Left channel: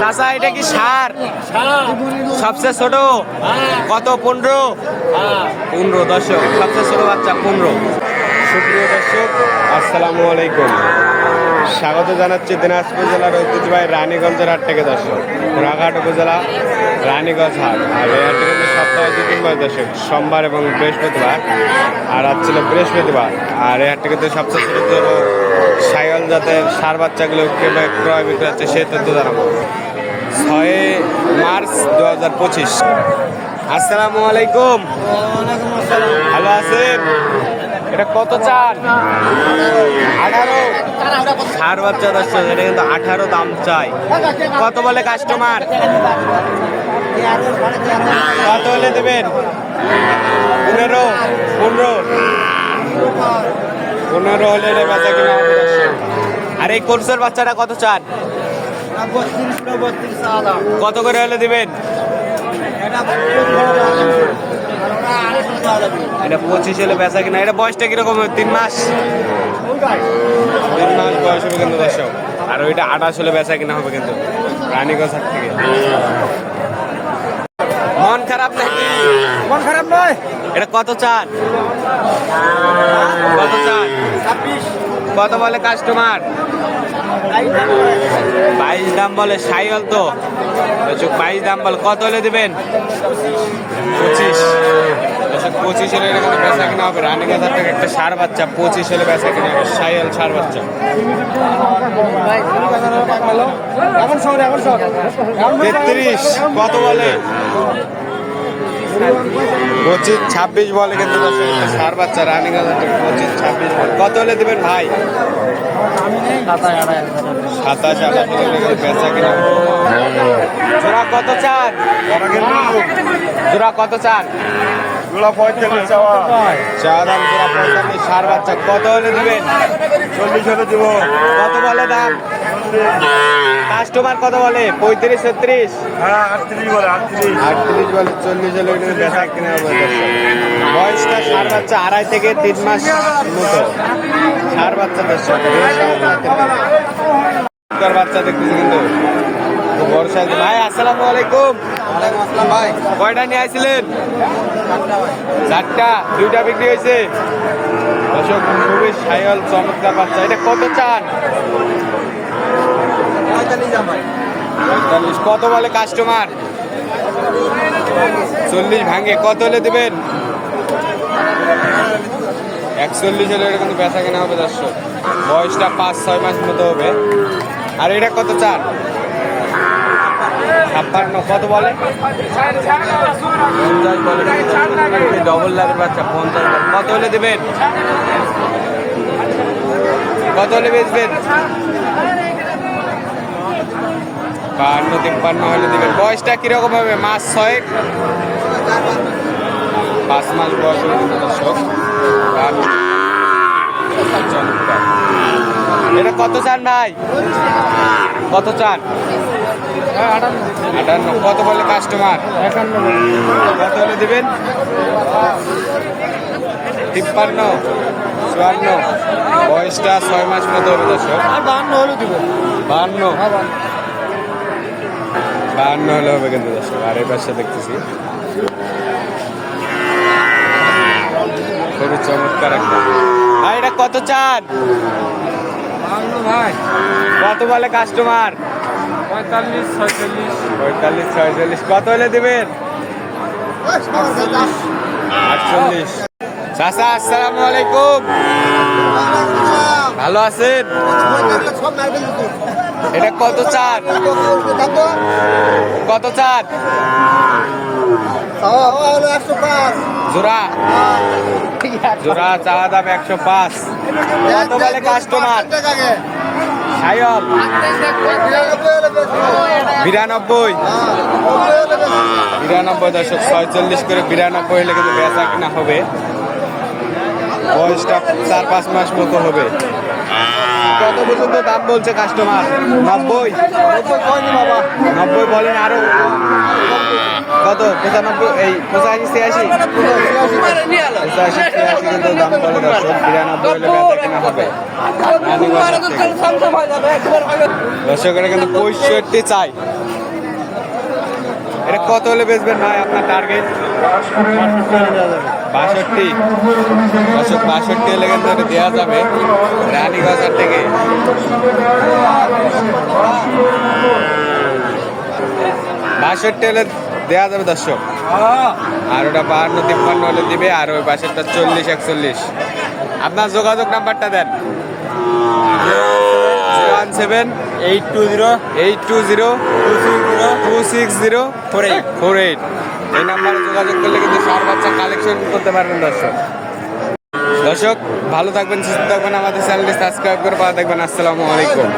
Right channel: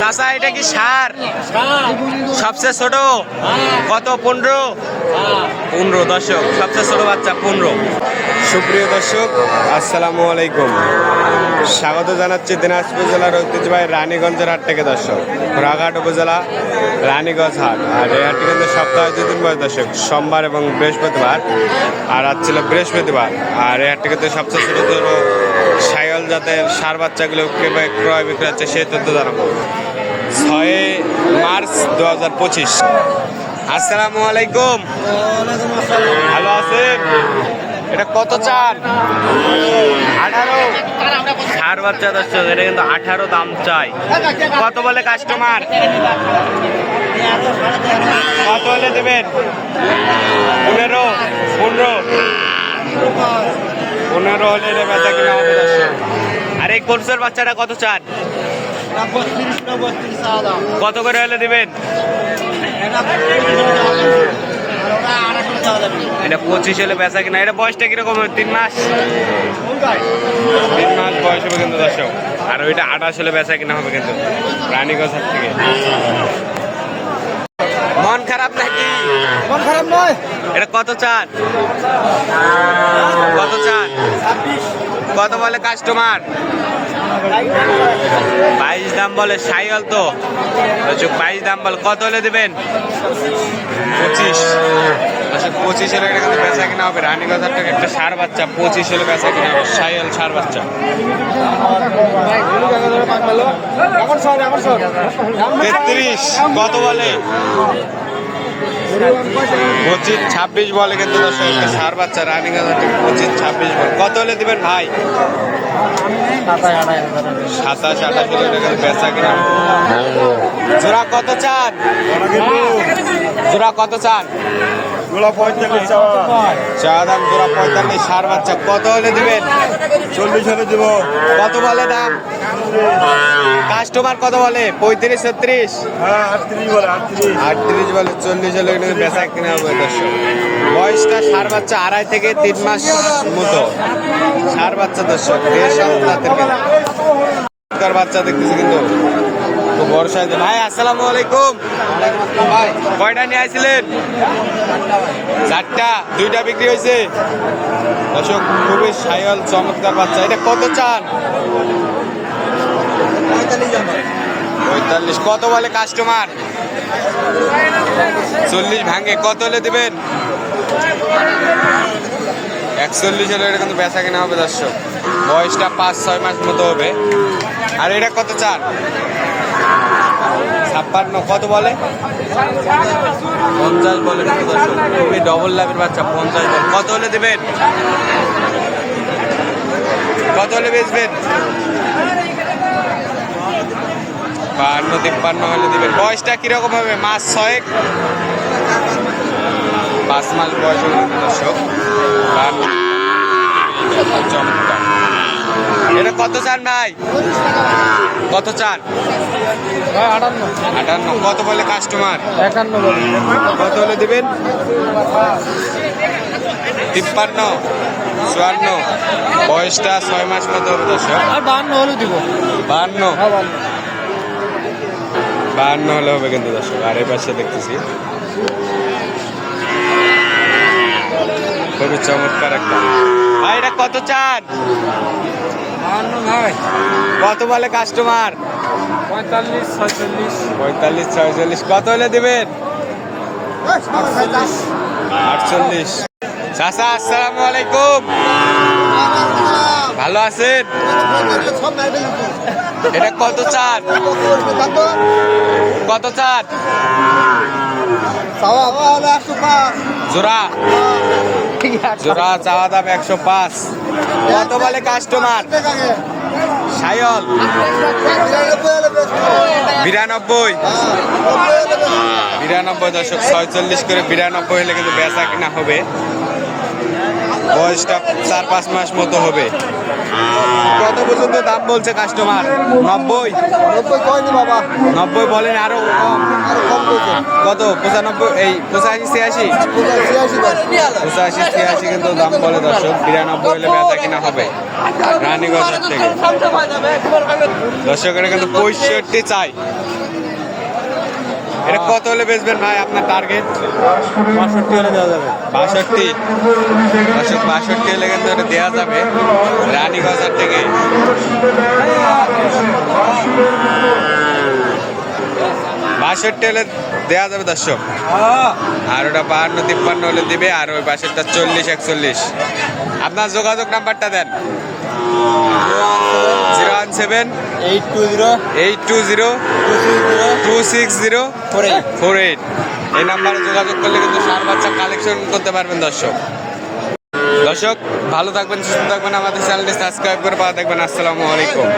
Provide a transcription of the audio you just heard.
চাচা এটা কি সার? সবচেয়ে ছোট কত? 15 দর্শক, সবচেয়ে ছোট বাচ্চা 15। সুপ্রিয় দর্শক, আসসালামু আলাইকুম। স্বাগত জানাচ্ছি দিনাজপুর জেলার ঐতিহ্যবাহী রানীগঞ্জের হাট থেকে দর্শক। ঘোড়াঘাট উপজেলা রানীগঞ্জ হাট। আর এই হাটটি কিন্তু সপ্তাহে 2 দিন বসে দর্শক, সোমবার এবং বৃহস্পতিবার। আর আজ ছিল বৃহস্পতিবার। আর এই হাটটি কিন্তু সবচেয়ে ছোট ছোট সাইওয়াল জাতের সার বাচ্চাগুলো ক্রয় বিক্রয় হচ্ছে সেই তথ্য জানাবো। 6 মার্চ 2025। আসসালামু আলাইকুম। ভালো আছেন? এটা কত চান? 18 সার বাচ্চা দর্শক, এটা কিন্তু 18 দাম চাই। কত বলে কাস্টমার? কত হলে দেবেন? 15 হলে এটা বেচা কিনা হবে দর্শক। আর এই কোর্সের বাচ্চাটা কত চান? কত করে হলে দিবেন? এটা 25 হলে বেচা কিনা। এটা বয়সটা কিরকম হবে? 3 মাস বয়স হবে কিন্তু দর্শক। আর ওইটা 28 হলে বেচা কিনা হবে কিন্তু রানীগঞ্জ হাট থেকে। মন খারাপ নাকি? মন খারাপ নয়। এটা কত চান? কত বলে কাস্টমার? 22 দাম বলে। সাইওয়াল তো 22 দাম বলে। কত হলে দিবেন? 25 হলে এটা কিন্তু বেচা কিনা হবে। রানীগঞ্জ হাট থেকে একটা সার বাচ্চা 25 হলে বেচা কিনা হবে। সাইওয়াল সার বাচ্চা 33। কত বলে? 25 26 বলে কিন্তু দর্শক। একটা সার বাচ্চা রানীগঞ্জ হাট থেকে 25 26 বলে। কত হলে দিবেন ভাই? 27 28 হলে এটা কিন্তু বেচা কিনা হবে। জোড়া কত চান? চা দাম জোড়া 45। সার বাচ্চা কত হলে দিবেন? 40 হলে দিব। কত বলে দাম? কাস্টমার কত বলে? 35 36? হ্যাঁ 38 বলে। 38 বলে। 40 হলে কিন্তু বেচা কিনা হবে দর্শক। বয়সটা সার বাচ্চা 2.5 থেকে 3 মাস মতো সার বাচ্চা দর্শক। বেশ জাতের বাচ্চা দেখতেছি কিন্তু বড় সাইজ। ভাই আসসালামু আলাইকুম। ওয়ালাইকুম আসসালাম ভাই। কয়টা নিয়ে আসছিলেন? 4টা। 2টা বিক্রি হয়েছে দর্শক। খুবই সাইওয়াল চমৎকার বাচ্চা। এটা কত চান? 45। কত বলে কাস্টমার? 40 ভাঙে। কত হলে দিবেন? 41 হলে এটা কিন্তু বেচা কেনা হবে দর্শক। বয়সটা 5-6 মাস মতো হবে। আর এটা কত চান? 56। কত বলে? 50 বলে কিন্তু দর্শক। খুবই ডবল লাভের বাচ্চা। 50 বলে। কত হলে দিবেন? কত হলে বেচবেন? 52-53 হলে দিবেন। বয়সটা কিরকম হবে? মাস 6 5 মাস বয়স হবে দর্শক। চমৎকার। এটা কত চান ভাই? কত চান? 58। কত বলে কাস্টমার? 51। কত হলে দিবেন? 53 54। বয়সটা 6 মাস মতো হবে দর্শক। 52 হলে হবে কিন্তু দর্শক। আর এই পাশে দেখতেছি খুবই চমৎকার একটা। ভাই এটা কত চান? কত বলে কাস্টমার? 45 46। কত হলে দিবেন? 48। চাচা আসসালামু আলাইকুম। ভালো আছেন? এটা কত চান? জোড়া চাওয়া দাম 105। কত বলে কাস্টমার? সাইওয়াল 92 দর্শক। 46 করে 92 হলে কিন্তু বেচা কিনা হবে। বয়সটা 4-5 মাস মতো হবে। কত পর্যন্ত দাম বলছে কাস্টমার? 90 বলেন। আরো কত? 95 এই 85 86 কিন্তু দাম বলে দর্শক। 92 হলে বেচা কিনা হবে রানীগঞ্জ থেকে দর্শক। এটা কিন্তু 65 চাই। এটা কত হলে বেচবেন ভাই আপনার টার্গেট? 65 হলে দেওয়া যাবে। 62 দর্শক, 62 হলে কিন্তু এটা দেওয়া যাবে রানীগঞ্জ হাট থেকে। 62 হলে দেওয়া যাবে দর্শক। আর ওটা 52-53 হলে দিবে, আর ওই পাশেরটা 40-41। আপনার যোগাযোগ নাম্বারটা দেন। 017 820 260 এই নাম্বারে যোগাযোগ করলে কিন্তু ষাঁড় বাচ্চা কালেকশন করতে পারবেন দর্শক। দর্শক ভালো থাকবেন, সুস্থ থাকবেন, আমাদের চ্যানেলটি সাবস্ক্রাইব করে পাওয়া দেখবেন। আসসালামু আলাইকুম।